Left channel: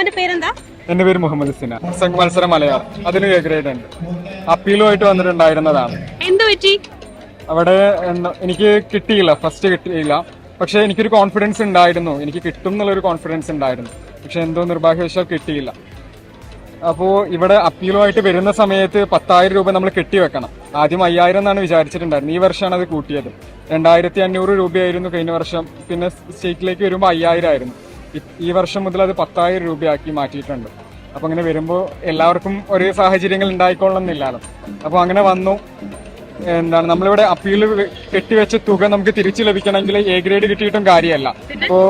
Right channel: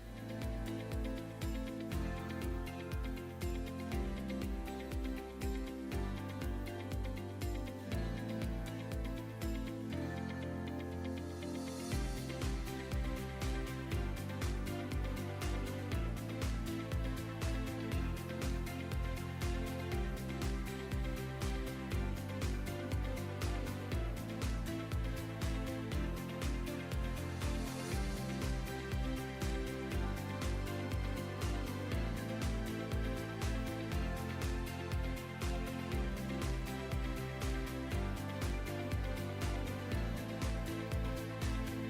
മോന്റെ പേരെന്താ? എന്റെ പേര് മുഹമ്മദ് സിന. മത്സരം മലയാളം അതിന് ഗ്രേഡ് ഉണ്ട്. അപ്പീലുമായിട്ട് വന്നിട്ടുണ്ടായിരുന്നതാണ്. എന്ത് പറ്റി? അവിടെ എനിക്ക് കിട്ടിയില്ല. ഫസ്റ്റ് കിട്ടിയില്ല. പക്ഷെ എനിക്കൊരു കോൺഫിഡൻസ് ഉണ്ടായിരുന്നു. എനിക്ക് കിട്ടും എന്നുള്ളൊരു കോൺഫിഡൻസ് ഉണ്ടായിരുന്നു. പക്ഷെ എന്തോ നിർഭാഗ്യവശാൽ കിട്ടിയില്ല. അപ്പോൾ ഇവിടെ അപ്പീലുമായിട്ട് വരുന്ന സമയത്ത് പത്തായിരം രൂപ നമ്മൾ കെട്ടിവെക്കണം ആദ്യം അയ്യായിരം എന്നാണ് വിചാരിച്ചിട്ടുണ്ടായിരുന്നത്. ഈ വർഷമാണ് അത് കൂട്ടിയത്. രണ്ടായിരത്തി അഞ്ഞൂറ് രൂപയായിരുന്നു കഴിഞ്ഞ വർഷം. പിന്നെ സ്റ്റേറ്റിലേക്ക് വരുമ്പോൾ അയ്യായിരം ആയിരുന്നു. ഈ- വർഷം മുതൽ അത് പത്തായിരം രൂപയാക്കി മാറ്റിയിട്ടുണ്ട്. അപ്പോൾ അങ്ങനെ വരുമ്പോൾ എല്ലാവർക്കും ഒരേ സാഹചര്യങ്ങൾ ഉണ്ടായിക്കൊള്ളുന്നില്ലല്ലോ അപ്പോൾ അങ്ങനെ വന്നു. എന്താണ് നമ്മളിവിടെ അപ്പീൽ കെട്ടിവെച്ച തുക നമുക്ക് തിരിച്ചു ലഭിക്കണമെങ്കിൽ എ ഗ്രേഡ് കിട്ടിയിട്ടും കാര്യമല്ല. ഇപ്പോൾ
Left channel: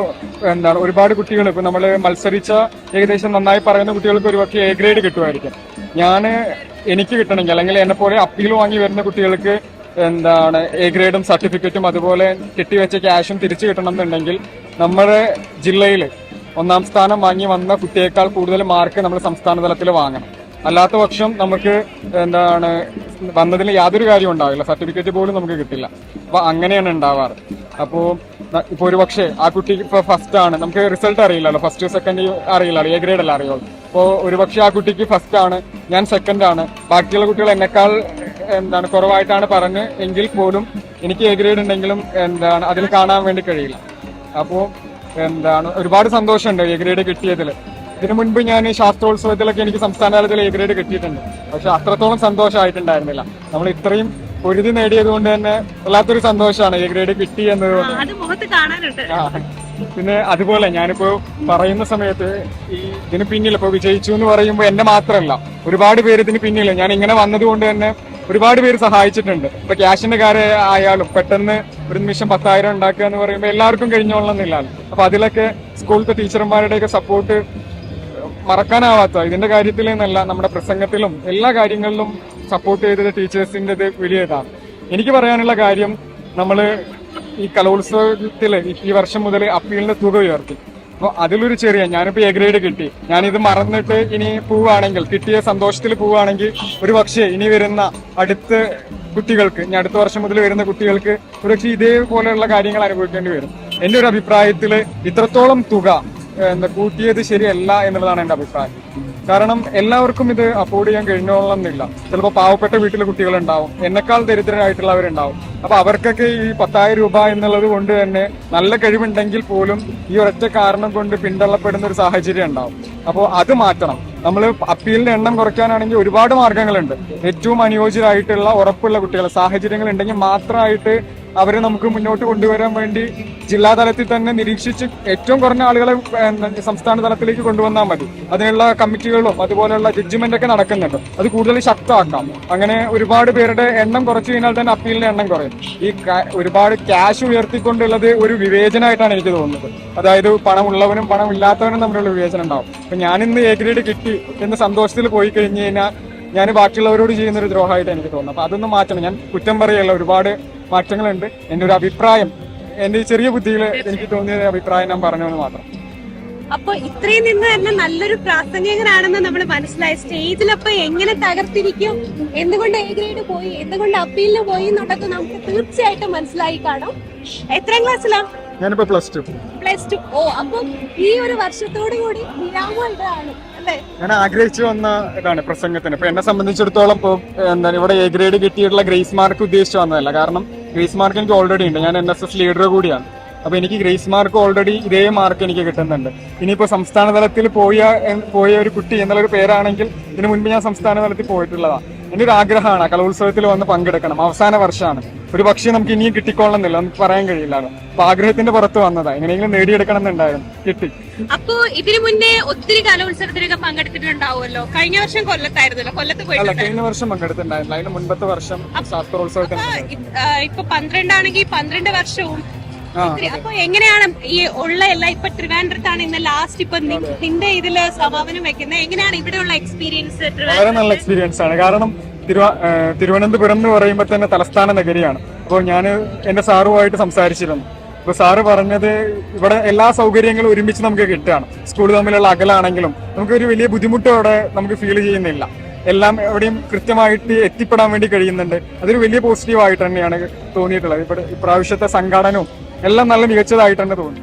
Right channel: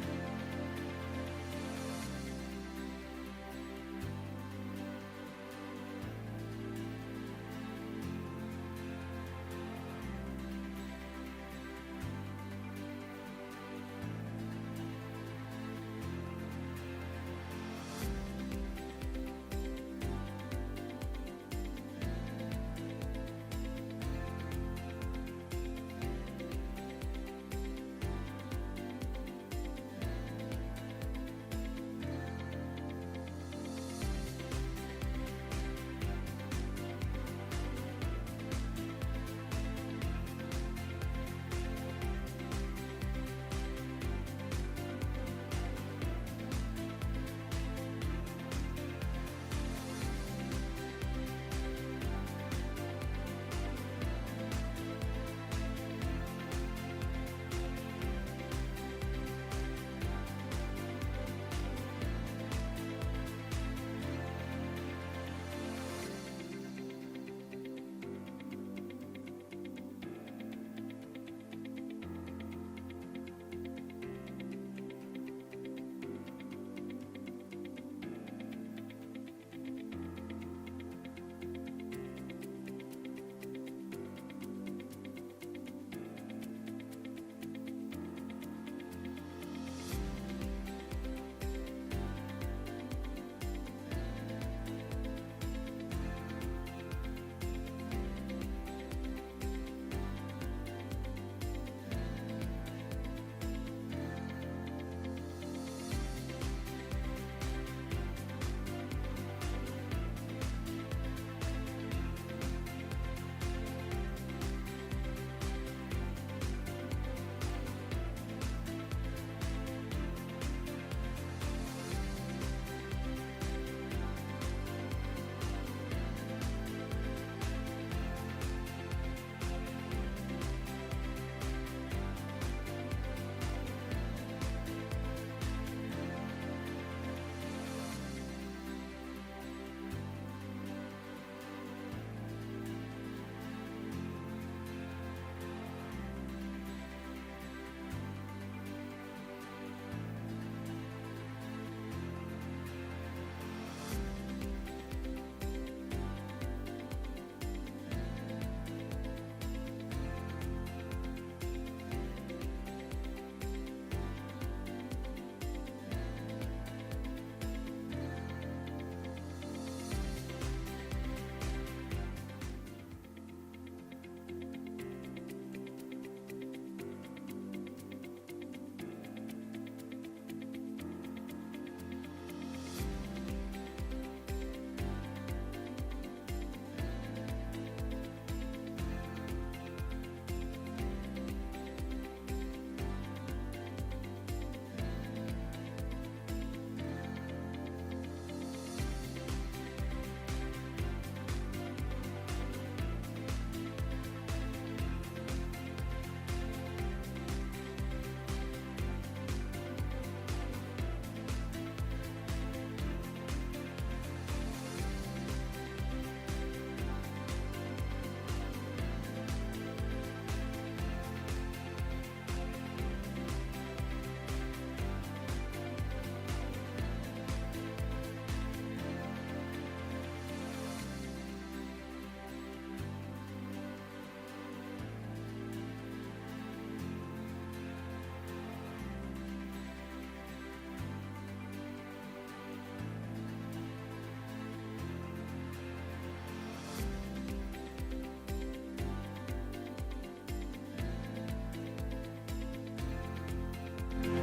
എന്താണ് ഒരുപാട് കുട്ടികൾ ഇപ്പോൾ നമ്മൾ മത്സരിച്ച ഏകദേശം നന്നായി പറയുന്ന കുട്ടികൾക്ക് ഒരുപക്ഷെ എ ഗ്രേഡ് കിട്ടുമായിരിക്കും. ഞാൻ എനിക്ക് കിട്ടണമെങ്കിൽ അല്ലെങ്കിൽ എന്നെ പോലെ അപ്പീൽ വാങ്ങി വരുന്ന കുട്ടികൾക്ക് എന്താണ് എ ഗ്രേഡും സർട്ടിഫിക്കറ്റും അതുപോലെ കെട്ടിവെച്ച ക്യാഷും തിരിച്ചു കിട്ടണം എന്നുണ്ടെങ്കിൽ നമ്മുടെ ജില്ലയിൽ ഒന്നാം സ്ഥാനം വാങ്ങി വന്ന കുട്ടിയേക്കാൾ കൂടുതൽ മാർക്ക് നമ്മൾ സംസ്ഥാന തലത്തിൽ വാങ്ങണം. അല്ലാത്ത പക്ഷം നമുക്ക് എന്താണ് വന്നതിൽ യാതൊരു കാര്യം ഉണ്ടാവില്ല. സർട്ടിഫിക്കറ്റ് പോലും നമുക്ക് കിട്ടില്ല. അപ്പൊ അങ്ങനെയാണ് ഉണ്ടാവാറ്. അപ്പോ ന- ഇപ്പൊ ഒരു പക്ഷേ ആ കുട്ടി ഇപ്പൊ ഫസ്റ്റ് ആണ്. നമുക്ക് റിസൾട്ട് അറിയില്ലല്ലോ. ഫസ്റ്റ് സെക്കൻഡ് അറിയില്ലല്ലോ. എ ഗ്രേഡ് അല്ല അറിയുള്ളൂ. അപ്പോൾ ഒരു പക്ഷേ ആ കുട്ടിക്ക് ഫസ്റ്റ് ആണ്. ഞാൻ സെക്കൻഡ് ആണ്. ബാക്കിയുള്ള കുട്ടികൾ എന്നെക്കാൾ എന്താണ് കുറവായിട്ടാണ് പറഞ്ഞ് എങ്കിൽ പോലും എനിക്ക് എ ഗ്രേഡ് ഉണ്ടെങ്കിലും എന്താണ് അതിൽ കാണാൻ വേണ്ടി കഴിയില്ല. അപ്പോൾ എന്താണ് ഒരുപാട് സന്തോഷമുണ്ട് എ ഗ്രേഡ് കിട്ടിയതിൽ ഇതിനു മുൻപ് ഞാൻ ശാസ്ത്രോത്സവത്തിലൊക്കെ എനിക്ക് സംസ്ഥാന തലത്തിൽ എ ഗ്രേഡ് കിട്ടിയിട്ടുണ്ട്. പക്ഷെ അത്രത്തോളം സന്തോഷമായിട്ടുണ്ടായിരുന്നില്ല. നമ്മൾ ഇത്രയും പൊരുതി നേടിയത് കൊണ്ട് തന്നെ വല്ലാത്തൊരു സന്തോഷമാണ് എ ഗ്രേഡ് കിട്ടി എന്നത്. പിന്നെ അതുപോലെ ഞാനിപ്പോ പറയുന്ന സമയത്ത് ഈ ഇതിന് പിന്നിൽ ഇപ്പൊ വിജയിച്ചു എന്ന് പറയുമ്പോൾ എന്നെ മാത്രമല്ല ഒരുപാട് പേര് ഇതിന് പിന്നിൽ. ഞാൻ ഇങ്ങനെ വന്നതുകൊണ്ട് തന്നെ ഒരുപാട് പേര് സഹായിച്ചിട്ടുണ്ട്. ഇപ്പൊ ക്യാഷിന്റെ കാര്യം ആയാലും പെട്ടെന്ന് ഒരു നിമിഷം പത്തായിരം ഉണ്ടാക്കുക എന്ന് പറയുമ്പോൾ എല്ലാവർക്കും കഴിഞ്ഞോളണമെന്നില്ലല്ലോ അപ്പൊ അതിലൊക്കെ സ്കൂളിലത്തെ ടീച്ചർമാരുടെയൊക്കെ സപ്പോർട്ട് മറക്കാനാവാത്ത ഇതിന്റെ കാര്യത്തിൽ എന്നല്ല നമ്മുടെ പ്രസംഗത്തിലും എല്ലാ കാര്യങ്ങളിലും സപ്പോർട്ട് ചെയ്തത് ടീച്ചേഴ്സിന്റെ വലിയ ഇതാണ് എനിക്ക് പറയാനുള്ള കാര്യം നമ്മൾ ഈ കലോത്സവത്തിൽ ഈ വർഷം മുതൽ അപ്പീലിന്റെ തുക ഉയർത്തി. അപ്പൊ അതിലൊരു ചെറിയ ഞാനിപ്പോ എ ഗ്രേഡ് കിട്ടി. ഞാനിത് മറന്നിട്ട് ഇനി പോവുകയാണെങ്കിൽ കിട്ടിയ സന്തോഷത്തിൽ പോവുകയാണെങ്കിൽ ഒരു പക്ഷേ ഇനി വരുന്ന അടുത്ത കുട്ടികൾക്ക് ഇനി അടുത്ത വർഷം മുതൽ വരുന്ന കുട്ടികൾക്ക് ഒരുപക്ഷെ ഇതേപോലെയുള്ള കാര്യങ്ങൾ അനുഭവിക്കേണ്ടി വരും. എന്റെ ഒരു അഭിപ്രായത്തിൽ ഇത്രത്തോളം തുക എന്താ കൂട്ടിയത് ശരിയല്ല എന്നുള്ളതാണ് എന്റെ അഭിപ്രായം. കാരണം എല്ലാവർക്കും ഇത് അഫോർഡ് ചെയ്യാൻ കഴിഞ്ഞോളന്നില്ല ചിലപ്പോൾ പാവപ്പെട്ട വീട്ടിലെ കുട്ടികളുണ്ടാവും. എന്നെക്കാൾ ദരിദ്രരായിട്ടുള്ളവരുണ്ടാവും. അപ്പൊ അവർക്കൊക്കെ ഈ പത്തായിരം രൂപ എന്നുള്ളത് കൊണ്ട് തന്നെ നല്ല കഴിവുണ്ടെങ്കിൽ പോലും ഈ ഒരൊറ്റ കാരണം കൊണ്ട് പിന്തള്ളപ്പെടുന്ന ഒരു സാഹചര്യം ഉണ്ടാവും. അപ്പോൾ അത് മാറ്റണം. നമ്മൾ അപ്പീലിന്റെ എണ്ണം കുറയ്ക്കാനാണെങ്കിൽ ഒരുപാട് മാർഗങ്ങളുണ്ട്. ഏറ്റവും അനുയോജ്യരായിട്ടുള്ള ഉറപ്പുള്ള കുട്ടികൾ സാഹചര്യങ്ങൾ ഉണ്ടെങ്കിൽ മാത്രമായിട്ട് അവരെ നമുക്ക് മുന്നോട്ട് കൊണ്ടുവരാൻ വേണ്ടി ജില്ലാ തലത്തിൽ തന്നെ നിരീക്ഷിച്ച് ഏറ്റവും കുറഞ്ഞ ആളുകളെ സംസ്ഥാന തലത്തിലേക്ക് കൊണ്ടുവന്നാൽ മതി. അതിനുള്ള കമ്മിറ്റികളും അതുപോലെയുള്ള ജഡ്ജ്മെന്റ് ഒക്കെ നടക്കുന്നുണ്ട്. അത് കൂടുതൽ ശക്തമാക്കാം. അങ്ങനെ ഒരുപാട് പേരുടെ എണ്ണം കുറച്ചു കഴിഞ്ഞാൽ തന്നെ അപ്പീലിന്റെ എണ്ണം കുറയും. ഈ ഒരുപാട് ക്യാഷ് ഉയർത്തിക്കൊണ്ടുള്ളത് ഒരു വിവേചനമായിട്ടാണ് എനിക്ക് തോന്നുന്നത്. അതായത് പണമുള്ളവനും പണം ഇല്ലാത്തവനും തമ്മിലുള്ള വിവേചനം ഉണ്ടാവും. അപ്പൊ ഞാനിന്ന് എ ഗ്രേഡ് കിട്ടി എന്ന് സന്തോഷത്തിൽ പോയി കഴിഞ്ഞു കഴിഞ്ഞാൽ ഞാൻ ബാക്കിയുള്ളവരോട് ചെയ്യുന്ന ഒരു ദ്രോഹമായിട്ട് എനിക്ക് തോന്നുന്നു അപ്പൊ അതൊന്നും മാറ്റണം. ഞാൻ കുറ്റം പറയല്ല. ഒരുപാട് മാറ്റങ്ങളുണ്ട്. എന്റെ ഒരു അഭിപ്രായം എന്റെ ഈ ചെറിയ ബുദ്ധിയിൽ എനിക്ക് തോന്നിയ അഭിപ്രായം ഞാൻ പറഞ്ഞതെന്ന് മാത്രം. അപ്പൊ ഇത്രയും നിന്ന് തന്നെ നല്ലൊരു പ്രാസംഗികനാണെന്ന് നമ്മൾ മനസ്സിലായി. സ്റ്റേജിൽ അപ്പൊ എങ്ങനെ തകർത്തിരിക്കും? എന്തുകൊണ്ട് എ ഗ്രേഡ് പോയി? എന്തുകൊണ്ട് അപ്പീലിന് പോയി എന്നുള്ളത് നമുക്ക് തീർച്ചയായിട്ടും മനസ്സിലായി കാണും. എത്രാം ക്ലാസ്സിലാ? ഞാനിപ്പോ പ്ലസ് ടു പ്ലസ് ടു ഓ അപ്പൊ ഈ ഒരു വർഷത്തോടു കൂടി വിരാമം ഇതാണ് അല്ലേ? ഞാൻ ആഗ്രഹിച്ചു വന്ന ഇതാണ് പ്രസംഗത്തിന്. ഇപ്പൊ എന്നെ സംബന്ധിച്ചിടത്തോളം ഇപ്പൊ എന്താണ് ഇവിടെ എ ഗ്രേഡ് കിട്ടിയിട്ടുള്ള ഗ്രേസ് മാർക്ക് ഉദ്ദേശിച്ചു വന്നതല്ല. കാരണം ഗ്രേസ് മാർക്ക് എനിക്ക് ഓൾറെഡി ഉണ്ട്. ഞാൻ എൻ എസ് എസ് ലീഡർ കൂടിയാണ്. അപ്പൊ എനിക്ക് ഗ്രേസ് മാർക്ക് ഓൾറെഡി ഇതേ മാർക്ക് എനിക്ക് കിട്ടുന്നുണ്ട്. ഇനിയിപ്പോ സംസ്ഥാന തലത്തിൽ പോയ പോയ ഒരു കുട്ടി എന്നുള്ളൊരു പേരാണെങ്കിൽ ഇതിനു മുൻപ് ഞാൻ സംസ്ഥാന തലത്തിൽ പോയിട്ടുള്ളതാണ് എന്റെ ഒരു ആഗ്രഹമാണ് കലോത്സവത്തിൽ വന്ന് പങ്കെടുക്കണം. അവസാന വർഷമാണ്. ഒരു പക്ഷേ നമുക്ക് ഇനിയും കിട്ടിക്കൊള്ളണമെന്നില്ല. നമുക്ക് പറയാൻ കഴിയില്ല അപ്പൊ ആഗ്രഹത്തിന്റെ പുറത്ത് വന്നതാ. എങ്ങനെയെങ്കിലും നേടിയെടുക്കണം എന്നുണ്ടായിരുന്നു കിട്ടി. അപ്പോ ഇതിനു മുന്നേ ഒത്തിരി കലോത്സവത്തിനൊക്കെ പങ്കെടുത്തിട്ടുണ്ടാവുമല്ലോ? കഴിഞ്ഞ വർഷം കൊല്ലത്തായിരുന്നല്ലോ? കൊല്ലത്ത് പോയി കഴിഞ്ഞ വർഷം പങ്കെടുത്തിട്ടുണ്ടായിരുന്നു. അതിന് മുൻപത്തെ വർഷം ശാസ്ത്രോത്സവത്തിന് ഇപ്പൊ പന്ത്രണ്ടാണെങ്കിൽ പന്ത്രണ്ട് വർഷവും അപ്പൊ എങ്ങനെയാണ് ഈ ഉള്ള എല്ലാ ഇപ്പൊ ട്രിവാൻഡ്രത്താണ് ഇന്ന് ലാസ്റ്റ് ഇപ്പൊ നിന്റെ ഇതിൽ സമാപനം വെക്കുന്നത് എങ്ങനെയാണ് ഇവിടെയുള്ള എക്സ്പീരിയൻസ് വളരെ നല്ല എക്സ്പീരിയൻസ് ആണ്. കാരണം തിരുവ തിരുവനന്തപുരം എന്ന് പറയുമ്പോൾ തന്നെ തലസ്ഥാന നഗരിയാണ്. അപ്പോൾ ഞാൻ എന്റെ സാറുമായിട്ട് സംസാരിച്ചിരുന്നു. അപ്പോൾ സാറ് പറഞ്ഞത് ഇവിടെ എല്ലാ സൗകര്യങ്ങളും ഒരുമിച്ച് നമുക്ക് കിട്ടുകയാണ്. സ്കൂൾ തമ്മിലുള്ള അകലാണെങ്കിലും നമുക്ക് ഒരു വലിയ ബുദ്ധിമുട്ട് അവിടെ നമുക്ക് ഫീൽ ചെയ്യുന്നില്ല. എല്ലാം എവിടെയും കൃത്യമായിട്ട് എത്തിപ്പെടാൻ വേണ്ടി കഴിയുന്നുണ്ട്. അതൊരു വലിയ പോസിറ്റീവ് ആയിട്ട് തന്നെയാണ് തോന്നിയിട്ടുള്ളത്. ഇവിടെ ഇപ്രാവശ്യത്തെ സംഘാടനവും എല്ലാം നല്ല മികച്ചതായിട്ട് തന്നെ തോന്നി.